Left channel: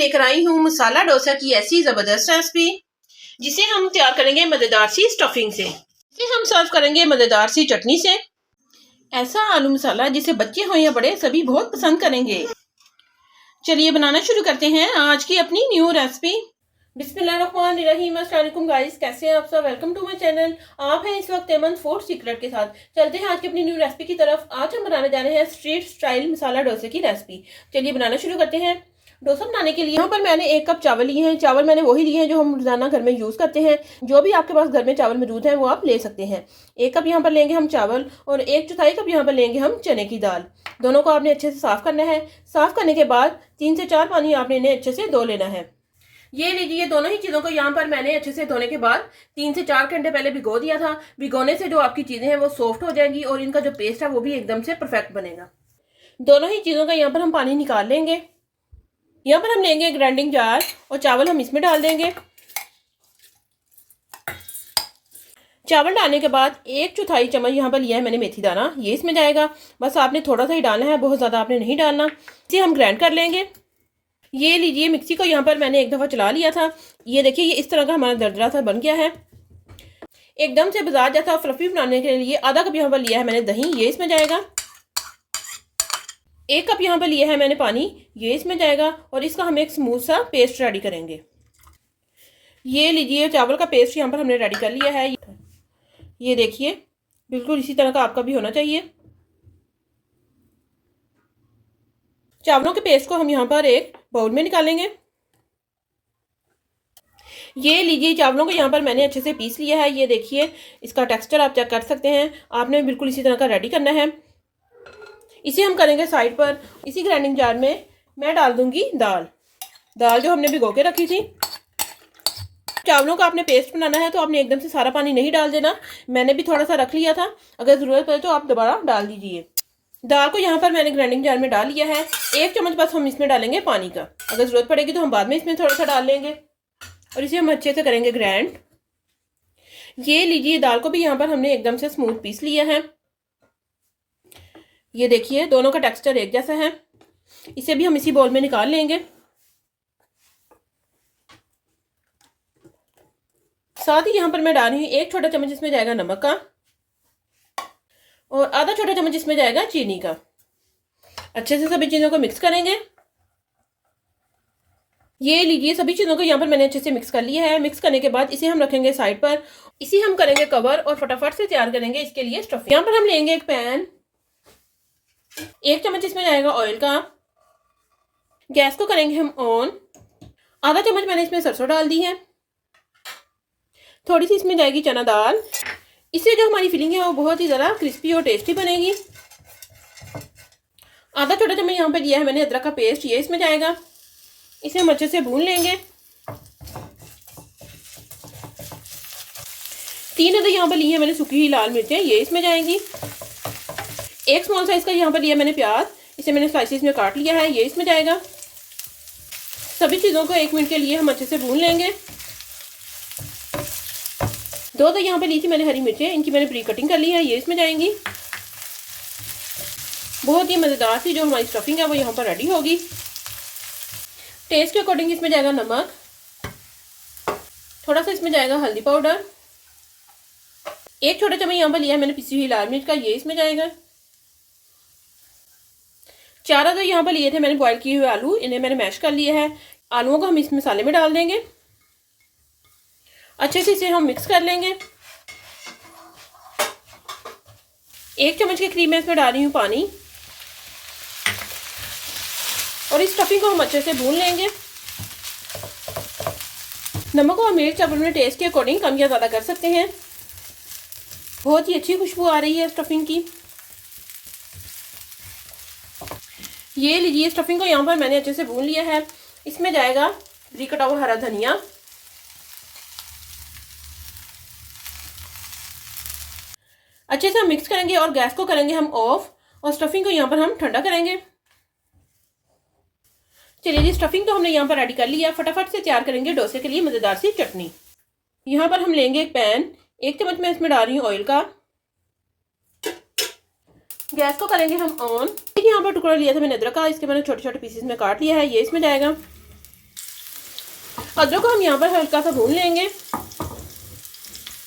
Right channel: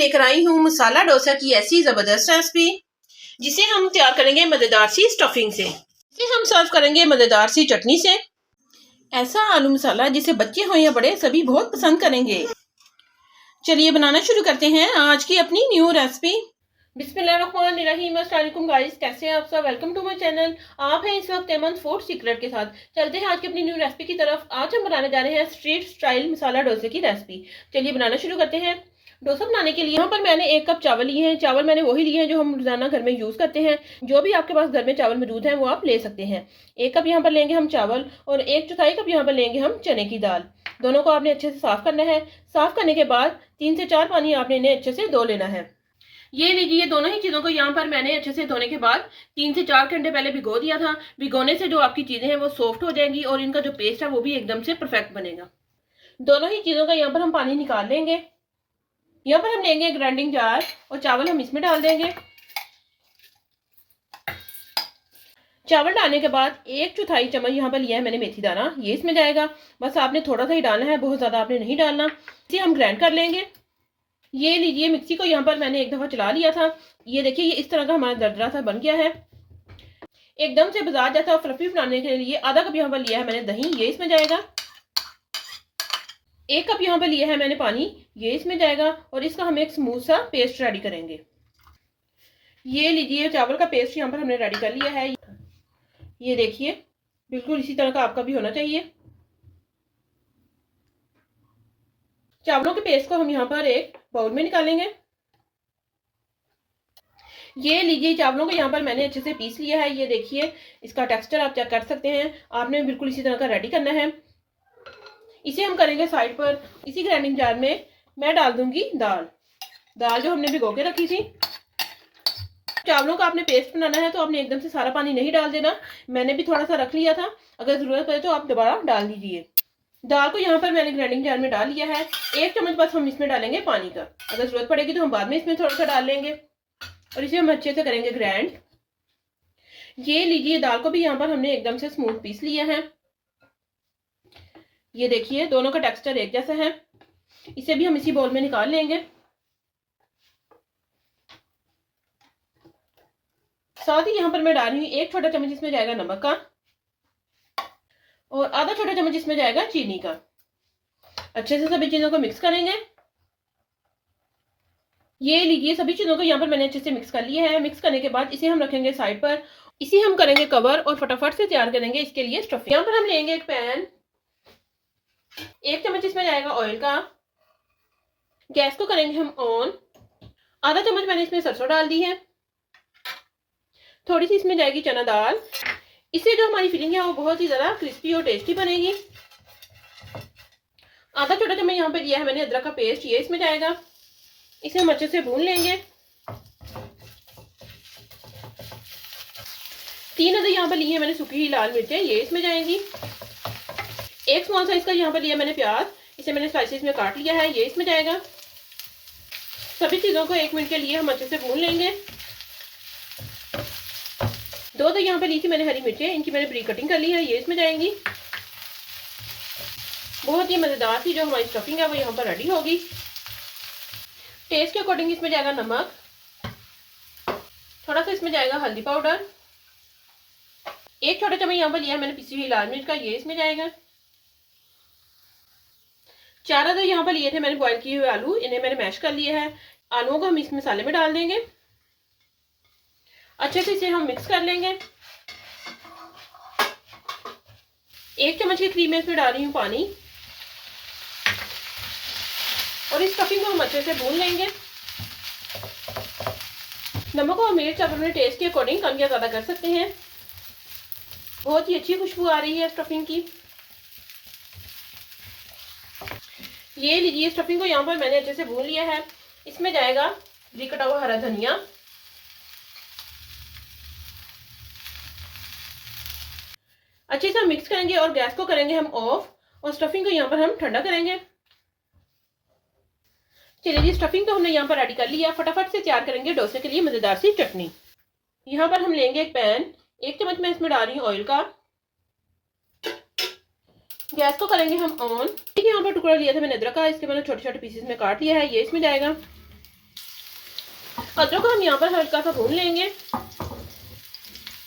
लेकर आई हूँ मसाला डोसा की ऐसी ज़बरदस्त रेसिपी जिसे हम तैयार करेंगे मज़ेदार सी स्टफिंग से। इसे हम सर्व करेंगे मज़ेदार सी चटनी से। ऐसा आलू मसाला जिसे बच्चे हों या बड़े सभी बहुत पसंद करेंगे। चलिए बनाना शुरू करते हैं आज की अपनी न्यू रेसिपी। बिस्मिल्लाहिर्रहमानिर्रहीम। अस्सलाम वालेकुम गाइस, कैसे हैं आप सब। Welcome to my channel. आप हैं इस वक्त एमन फूड सीक्रेट के साथ। चलते हैं आज की अपनी न्यू रेसिपी की तरफ। आज हम बनाने जा रहे हैं स्ट्रीट स्टाइल मसाला डोसे की रेसिपी। चलिए बनाना शुरू करते हैं। डोसा बनाने के लिए यहाँ पर मैंने 1 कप चावल लिए हैं। चावल मैंने वही लिए हैं जो हम रोजाना घर में यूज़ करते हैं। जो भी आपके पास घर में चावल मौजूद हैं वो आप ले सकते हैं। 1 कप यहाँ पर लेंगे हम चावल और 1/4 कप यहाँ पर लेंगे हम चने की दाल। दोनों को आपने अच्छे से साफ करना है। साफ करने के बाद 3 से 4 पानी आपने इन्हें अच्छे से धो लेना है। ये लीजिए, दोनों ही चीज़ों को यहाँ पर मैंने अच्छे से धोने के बाद 3 से 4 घंटे पहले भिगो दिया था। भिगोने से जो आपकी चीज़ें हैं वो सॉफ्ट हो जाएंगी और इनका जो पेस्ट है वो भी एकदम से परफेक्ट बनेगा। दोनों ही चीज़ों का यहाँ पर हम पानी निकाल लेंगे। यहाँ पर हम लेंगे ग्राइंडिंग जार और चावल हम इसमें डाल देंगे। चावल डालने के बाद 1/4 चम्मच यहाँ पर लिया है मैंने मेथी दाना, ये इसमें जाएगा। बस आपने थोड़ा सा ही डालना है, बहुत ज़्यादा आपने नहीं डालना। इसे हम ग्राइंड कर लेंगे। ये लीजिए, मिक्सी को यहाँ पर मैंने एक दफ़ा चला लिया था। ये देखिए, ये इस तरह का हमारा दरदरा सा बन गया है। एकदम से बाजार जैसा फ्लफी बनाने के लिए आधा कप यहाँ पर लिया है मैंने दही, ये इसमें जाएगा। 1 कप यहाँ पर लिया है मैंने पानी, ये इसमें जाएगा। और इसका हम एक स्मूथ सा पेस्ट रेडी करेंगे। ये लीजिए, चावल का पेस्ट यहाँ पर हमने रेडी कर लिया है। ये देखिए, बिल्कुल इसी तरह का आपका भी होना चाहिए। चावलों के पेस्ट को हम यहाँ पर एक बाउल में निकालेंगे। ये लीजिए, चावलों को यहाँ पर मैंने अच्छे से पीस लिया है। ये देखिए, इसका टेक्सचर आप चेक कर सकते हैं। आपने बिल्कुल इसी तरह का रेडी करना है। इसे हम करेंगे साइड पर। इसी ग्राइंडिंग जार में मैं डाल दूंगी दाल जो हमने भिगो के रखी थी। चावलों का आपने पेस्ट बनाना है तो आपने एकदम से सारा पानी नहीं डाल देना। मैंने भी थोड़ा सा रख लिया था, अगर ज़रूरत पड़े तो आप दोबारा डाल दीजिए। दाल को यहाँ पर मैंने ग्राइंडिंग जार में डाल लिया है। 1 चम्मच बस हम इसमें डालेंगे पानी का। अगर ज़रूरत पड़ेगी तो हम बाद में इसमें थोड़ा सा डाल लेंगे और इसे हम अच्छे से करेंगे ग्राइंड। ये लीजिए, दाल को भी यहाँ पर हमने एकदम से स्मूथ पीस लिया है। ये देखिए, दोनों का टेक्सचर एक जैसा है। इसे भी हम इसी बाउल में निकाल लेंगे। साथ ही यहाँ पर मैं डाल रही हूँ 1 छोटा चम्मच, इसमें जाएगा नमक का और आधा छोटा चम्मच इसमें जाएगा चीनी का। अच्छे से सभी चीज़ों को मिक्स करेंगे। ये लीजिए, सभी चीज़ों को यहाँ पर मैंने अच्छे से मिक्स कर लिया है। मिक्स करने के बाद इसे हम रखेंगे साइड पर। इसे हम करेंगे कवर और फटाफट से तैयार करेंगे इसके लिए स्टफिंग। यहाँ पर हम लेंगे एक पैन। 1 चम्मच इसमें जाएगा ऑयल का। गैस को करेंगे हम ऑन। आधा चम्मच मैंने इसमें सरसों डाल दी है। थोड़ी सी इसमें जाएगी चना दाल। इससे जो हमारी फिलिंग है वो बहुत ही ज़्यादा क्रिस्पी और टेस्टी बनेगी। आधा छोटा चम्मच यहाँ पर लिया है मैंने अदरक का पेस्ट, ये इसमें जाएगा। इसे हम अच्छे से भून लेंगे। 3 अदर यहाँ पर लिए हैं मैंने सूखी हुई लाल मिर्चें, ये इसमें जाएंगी। 1 स्मॉल साइज का यहाँ पर लिया मैंने प्याज, इसे मैंने स्लाइसेस में काट लिया है, ये इसमें जाएगा। सभी चीज़ों को 1 मिनट के लिए हम अच्छे से भून लेंगे। 2 यहाँ पर ली थी मैंने हरी मिर्चें, इनकी मैंने प्री कटिंग कर ली है, ये इसमें जाएंगी। बहुत ही मज़ेदार सी जो हमारी स्टफिंग है वो यहाँ पर रेडी होगी। टेस्ट के अकॉर्डिंग इसमें जाएगा नमक, थोड़ा सा इसमें जाएगा हल्दी पाउडर। 1 छोटा चम्मच यहाँ पर लिया है मैंने पिसी हुई लाल मिर्च का, ये इसमें जाएगा। 4 अदर यहाँ पर लिए थे मैंने बॉयल किए हुए आलू, इन्हें मैंने मैश कर लिया है। आलूओं को हम इस मसाले में डाल देंगे। अच्छे से इसे हम मिक्स कर लेंगे। 1 चम्मच के करीब मैं इसमें डाल रही हूँ पानी और इस स्टफिंग को हम अच्छे से भून लेंगे। नमक और मिर्च आप अपने टेस्ट के अकॉर्डिंग कम या ज़्यादा कर सकते हैं। बहुत ही अच्छी खुशबू आ रही है स्टफिंग की। ये लीजिए, स्टफिंग को यहाँ पर मैंने अच्छे से भून लिया है। इसमें जाएगा बारीक कटा हुआ हरा धनिया। अच्छे से हम मिक्स करेंगे और गैस को करेंगे हम ऑफ और स्टफिंग को यहाँ पर हम ठंडा करेंगे। चलिए जी, स्टफिंग तो हमने यहाँ पर रेडी कर लिया। फटाफट से तैयार करेंगे डोसे के लिए मज़ेदार सी चटनी। यहाँ पर हम लेंगे एक पैन। 1 चम्मच मैं इसमें डाल रही हूँ ऑयल का। गैस को करेंगे हम ऑन। यहाँ पर टुकड़ा लिया था मैंने अदरक का, इसके मैंने छोटे छोटे पीसेस में काट लिया है, ये इसमें जाएगा। अदरक को हम यहाँ पर हल्का सा भून लेंगे।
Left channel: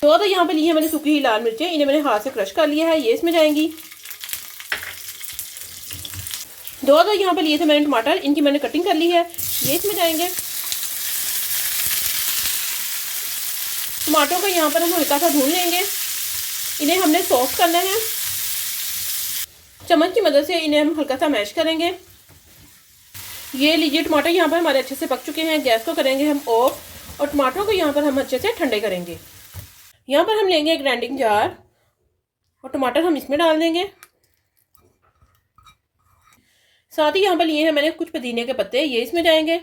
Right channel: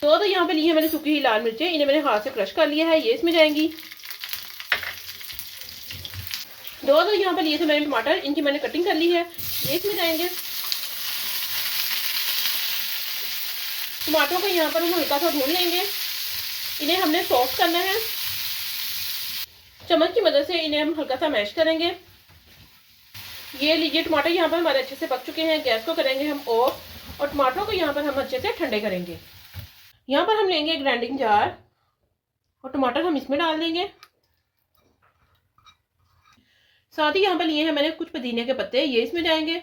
तो यहाँ पे ली है मैंने सूखी हुई लाल मिर्चें, इन्हें मैंने हाथ से क्रश कर लिया है, ये इसमें जाएंगी। दो यहाँ पे लिए थे मैंने टमाटर, इनकी मैंने कटिंग कर ली है, ये इसमें जाएंगे। टमाटरों को यहाँ पर हम हल्का सा भून लेंगे, इन्हें हमने सॉफ्ट करना है। चम्मच की मदद से इन्हें हम हल्का सा मैश करेंगे। ये लीजिए टमाटर यहाँ पर हमारे अच्छे से पक चुके हैं। गैस को करेंगे हम ऑफ और टमाटरों को यहाँ पर हम अच्छे से ठंडे करेंगे। यहाँ पर हम लेंगे ग्राइंडिंग जार और टमाटर हम इसमें डाल देंगे। साथ ही यहाँ पर लिए हैं मैंने कुछ पुदीने के पत्ते, ये इसमें जाएंगे।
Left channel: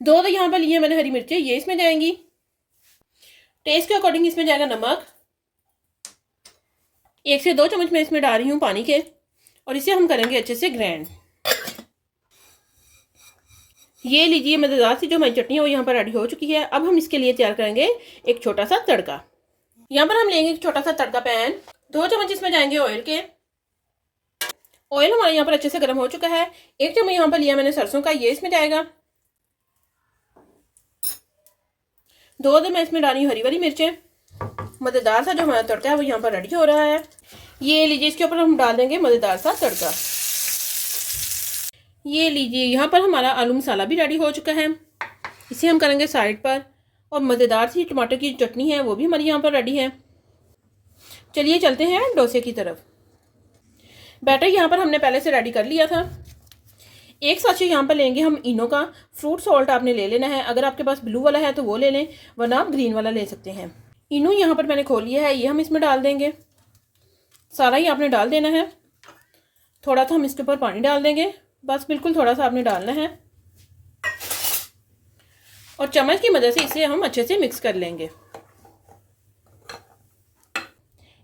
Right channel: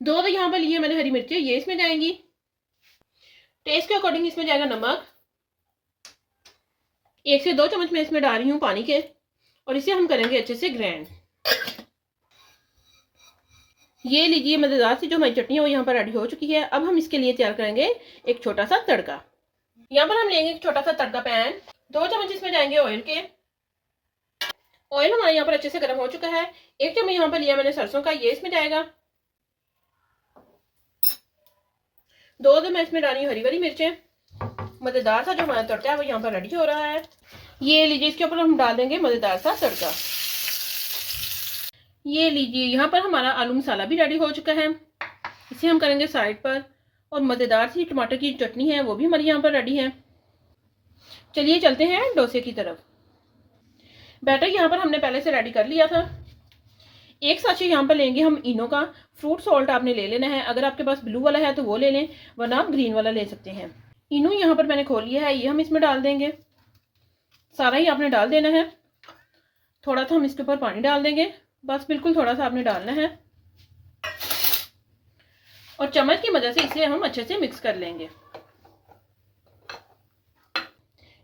दो यहाँ पर लिए मैंने हरी मिर्चें, ये इसमें जाएंगी। टेस्ट के अकॉर्डिंग इसमें जाएगा नमक। 1 से 2 चम्मच मैं इसमें डाल रही हूँ पानी के और इसे हम करेंगे अच्छे से ग्राइंड। ये लीजिए मज़ेदार सी जो हमारी चटनी है वो यहाँ पर रेडी हो चुकी है। अब हम इसके लिए तैयार करेंगे एक छोटा सा तड़का। यहाँ पर हम लेंगे एक छोटा सा तड़का पैन, 2 चम्मच इसमें जाएंगे ऑयल के। ऑयल हमारे यहाँ पर अच्छे से गर्म हो चुका है। 1 चम्मच यहाँ पर लिया मैंने सरसों का, ये इसमें जाएगा। 2 मैं इसमें डाली हरी वाली मिर्चें। मज़ेदार सा जो हमारा तड़का है वो यहाँ पर रेडी हो रहा है। ये लीजिए इसके ऊपर हम डाल देंगे मज़ेदार सा तड़का। ये लीजिए यहाँ पर हमारा आलू मसाला भी रेडी हो चुका है, इसे हम करेंगे साइड पर। और मज़ेदार सी टमाटर की चटनी है वो भी हमारी यहाँ पर रेडी है। चलिए चलते हैं डोसे की तरफ। बैटर यहाँ पर हमने पहले से रेडी कर लिया था। 1 साँचे यहाँ पर लेंगे हम इनो का। फ्रूट सॉल्ट आपने ले लेना है, अगर आपके पास ब्लू वाला है तो वो ले लें, वरना आप ग्रीन वाला ले सकते हैं। इनो यहाँ पर मैंने खोल लिया है, ये हम इसमें डाल देंगे। सारा ही आपने डाल देना है। थोड़ा सा हम इसके ऊपर पानी डाल देंगे, बस बिल्कुल थोड़ा सा आपने डालना है। और चम्मच की मदद से इसे हम अच्छे से मिक्स कर लेंगे।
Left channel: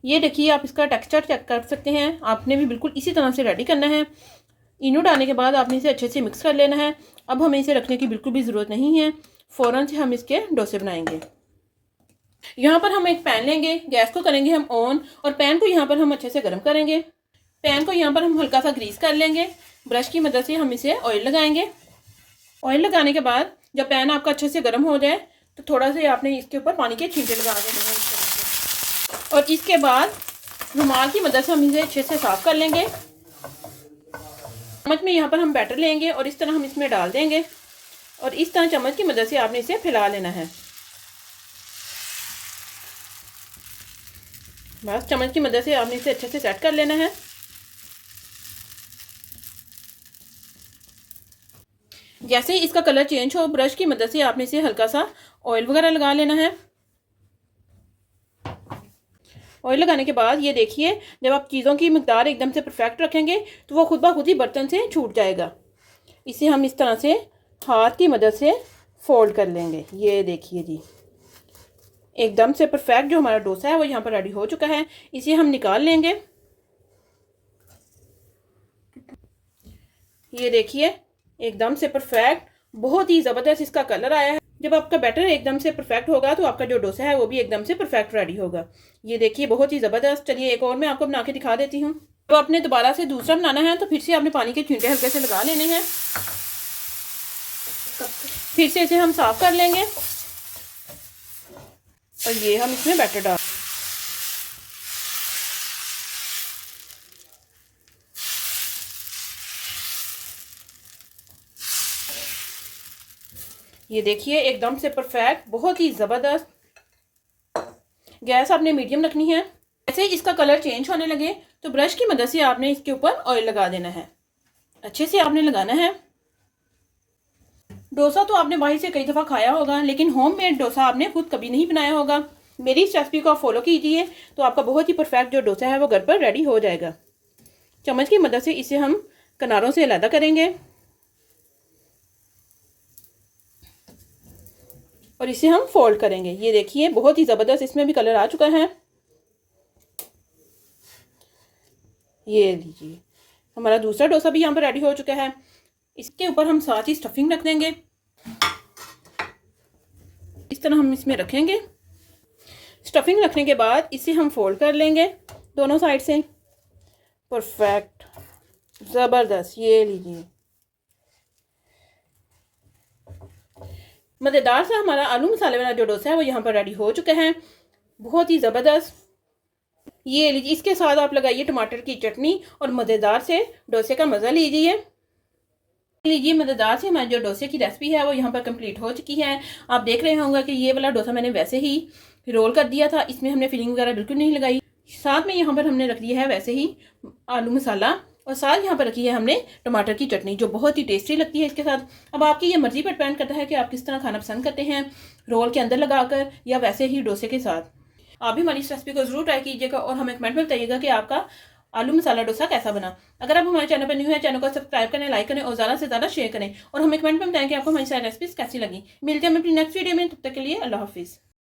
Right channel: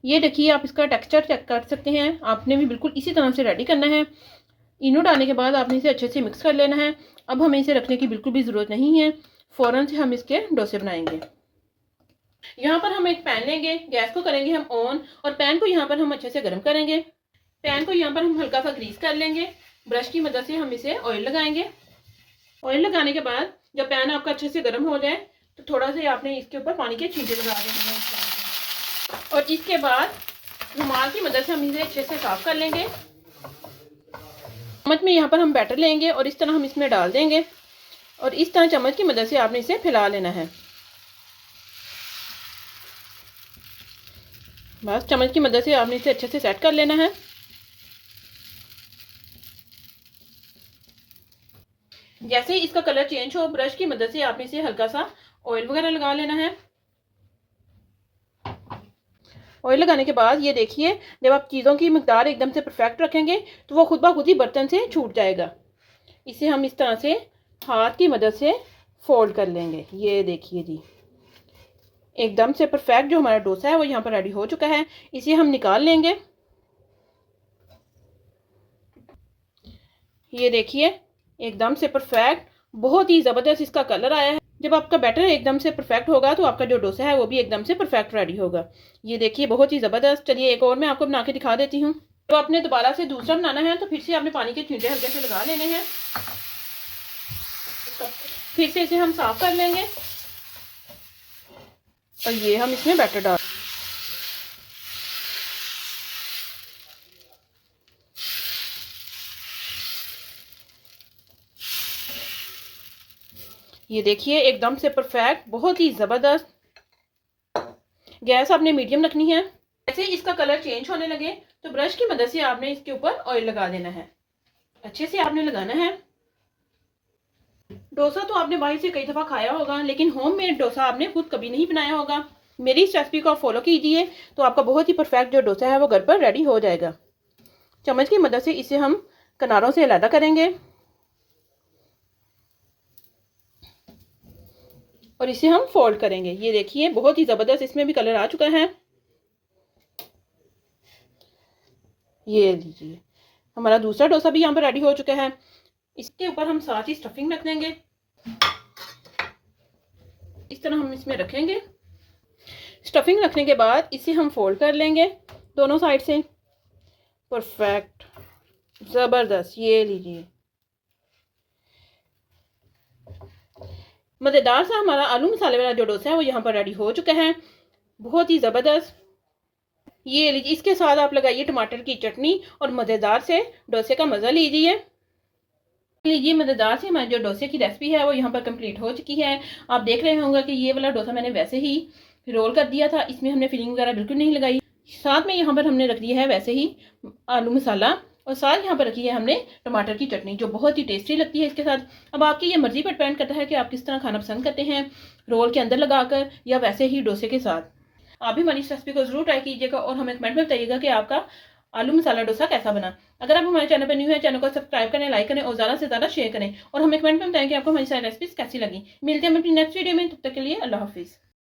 ये देखिए आप इसका टेक्सचर चेक कर सकते हैं। आपने भी बिल्कुल इसी तरह से रेडी करना है। इनो डालने के बाद आपने इसे अच्छे से मिक्स कर लेना है। अब हमें इसे रखने की बिल्कुल भी ज़रूरत नहीं है, फ़ौरन से हम इसके डोसे बनाएंगे। यहाँ पर हम एक पैन लेंगे, गैस को करेंगे हम ऑन और पैन को यहाँ पर हम अच्छे से गर्म करेंगे। पैन को यहाँ पर हम हल्का सा ग्रीस कर लेंगे। ब्रश की मदद से हम इसे ऑयल लगाएंगे। ऑयल लगाने के बाद जब पैन आपका अच्छे से गर्म हो जाए तो थोड़ा सा आपने इसके ऊपर पानी के छींटे लगा देने और इसके बाद रुमाल की मदद से हम इसे अच्छे से साफ कर लेंगे। चम्मच में यहाँ पर हम बैटर लेंगे और इस तरह हम इसमें डाल देंगे और इस तरह चम्मच की मदद से आपने इसे फैला लेना है। बस चम्मच की मदद से आपने इसे अच्छे से सेट कर लेना है। जैसे ही इसका कलर चेंज हो, ब्रश की मदद से आपने इसे हल्का सा ऑयल वगैरह लगा लेना है। ऑयल लगाने के बाद ये देखिए जब आप चीज़ों की मिकदार एकदम से परफेक्ट रखेंगे तो वो खुद ब खुद ही बर्तन से छूट जाएगा। इसे हम इस तरह से हाथ की मदद से फोल्ड कर लेंगे। ये देखिए जी एकदम से परफेक्ट जो हमारा डोसा है वो यहाँ पर रेडी हो चुका है। इसे हम निकाल लेंगे। ये देखिए एकदम से परफेक्ट, बहुत ही ज़बरदस्त इसका कलर आया है। जब आपका बैटर एकदम से परफेक्ट होगा तो आपका जो डोसा है वो भी एकदम से परफेक्ट रेडी होगा। ये देखिए बहुत ही ज़बरदस्त। चलिए एक और मैं आपको बना के दिखा देती हूँ। तो आपने दोबारा से दूसरा बनाना है तो फिर से आपने पानी के छींटे हल्के से लगा लेने हैं। फिर से इसे हम साफ कर लेंगे और ये हम इसमें बैटर डाल। ये देखिए एकदम से परफेक्ट, बहुत ही ज़बरदस्त। गैस आपने मीडियम रखनी है। जैसे इसका कलर चेंज होने लगे तो ब्रश की मदद से आपने इसके ऊपर ऑयल लगा देना है। अच्छे से आपने लगाना है। डोसा तो आपने बाहर से कई दफ़ा खाया होगा, लेकिन होममेड डोसा आपने खुद कभी नहीं बनाया होगा। मेरी इस रेसिपी को आप फॉलो कीजिए तो आपका बहुत ही परफेक्ट जो डोसा है वो घर पर रेडी हो जाएगा। चम्मच की मदद से इसे हम किनारों से अलग करेंगे और इसे हम फोल्ड करेंगे। ये देखिए बहुत ही ज़बरदस्त इसमें भी कलर आ चुका है। ये लीजिए हमारा दूसरा डोसा भी यहाँ पर रेडी हो चुका है। इसके ऊपर हम साथ ही स्टफिंग रख देंगे। इस तरह हम इसमें रखेंगे। स्टफिंग रखने के बाद इसे हम फोल्ड कर लेंगे दोनों साइड से। परफेक्ट ज़बरदस्त। ये लीजिए मज़ेदार सा हमारा आलू मसाले वाला जो डोसा है वो यहाँ पर रेडी हो चुका है, बहुत ही ज़बरदस्त। ये लीजिए, इसके साथ आप लगाइए टमाटर की चटनी और मज़ेदार से डोसे का मज़ा लीजिए। लीजिए, मज़ेदार से हमारी जो डोसे की रेसिपी है वो यहाँ पर कंप्लीट हो चुकी है। आप देख रहे होंगे कि ये वाला डोसा मैंने वैसे ही रोल कर दिया था, इसमें हमने फिलिंग वगैरह बिल्कुल नहीं लगाई। साथ में यहाँ पर हमने रख दिया है वैसे ही आलू मसाला, और साथ यहाँ पर रखी है हमने टमाटर की चटनी जो बहुत ही टेस्टी लगती है इसके साथ। अब आपकी ये मर्ज़ी पर डिपेंड करता है कि आप किस तरह खाना पसंद करते हैं, रोल के अंदर लगाकर या वैसे ही डोसे के साथ। आप भी हमारी इस रेसिपी को ज़रूर ट्राई कीजिएगा और हमें कमेंट में बताइएगा कि आपका आलू मसाला डोसा कैसा बना। अगर आप हमारे चैनल पर न्यू है, चैनल को सब्सक्राइब करें, लाइक करें और ज़्यादा से ज़्यादा शेयर करें और हमें कमेंट में बताएं कि आपको हमारी सारी रेसिपीज़ कैसी लगी। मिलते हैं हम अपनी नेक्स्ट वीडियो में, तब तक के लिए अल्लाह हाफिज़।